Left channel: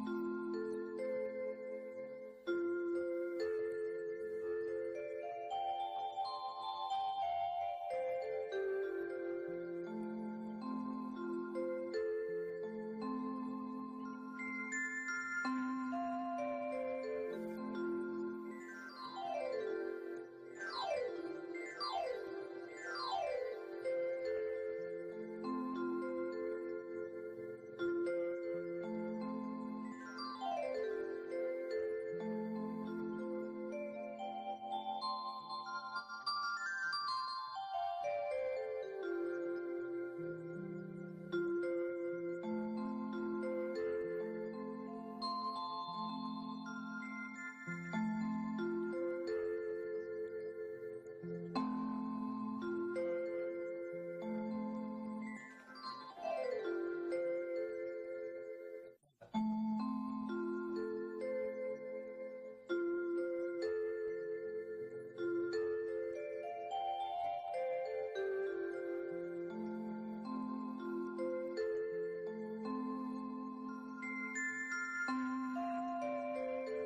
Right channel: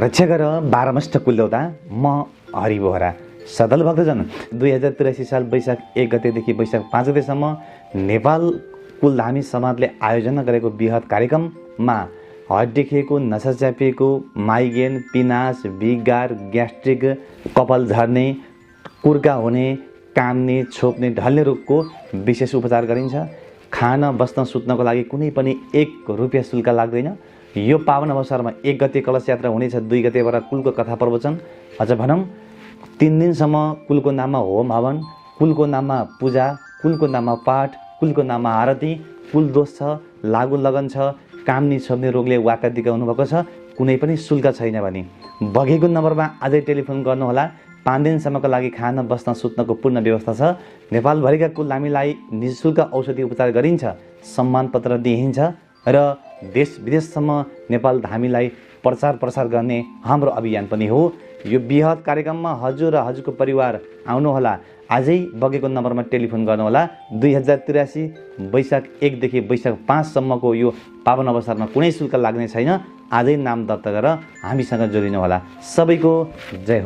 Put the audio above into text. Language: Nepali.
रक्षा गर बारमष्ट कुलदेवता म हरि बोहरा सदल भक्तजन 2083 साल वैशाख 1 गतेदेखि वैशाख 5 गतेसम्म नेपाल कुलधामी समाजले आयोजना गरेको बृहत कार्यक्रममा हड्डी दुखेको, नसा च्यापिएको, माइग्रेन, पिनास, विगार, ग्यास्ट्रिक, कपाल झर्ने, कुर्का हुने, काम्ने, छोप्ने, ढल्ने रोगको विशेष उपचार गरिन्छ। खान बस्न सुत्नको लागि कुनै पनि 1 रुपियाँ शुल्क लाग्दैन। यो पावन अवसरमा 1 गते कलश यात्रा हुनेछ, 2 गतेबाट कुलको कथा प्रवचन, अझ भनौँ 3 दिनसम्म कुलको नाममा होम हवन, कुलको नाममा पूजा, कुलको नाममा पाठ, कुलको नाममा आरती। कुल दोष छ, लागु लगन छ, कामनी छोप्ने रोगले वाका दिका हुनुभएको छ, कुनै पनि शुल्क छैन भने बगेको नम्बरमा आजै टेलिफोन गर्नुहोला। 5 दिनसम्मको लागि खान बस्न सुत्नको पूर्ण व्यवस्था छ। नेपालभरिका कुलधामीलाई निःशुल्क औषधि उपचार गरिन्छ, सम्मान पत्र दिइन्छ र देश विदेशसम्म नेपाल धामीलाई प्रचार प्रसार गर्ने हाम्रो अभियान पनि हो। यो बृहत कार्यक्रममा हजुर र हजुरको परिवार आउनुहोला। आजै बगेको नम्बरमा टेलिफोन गर्नुहोला। 2083 वैशाख 1 देखि वैशाख 5 सम्मको यो पावन अवसरमा कुनै शुल्क लाग्ने छैन। आजै नाम दर्ता गरेर हामीसँग जोडिनुहोला। सबैको जय हो।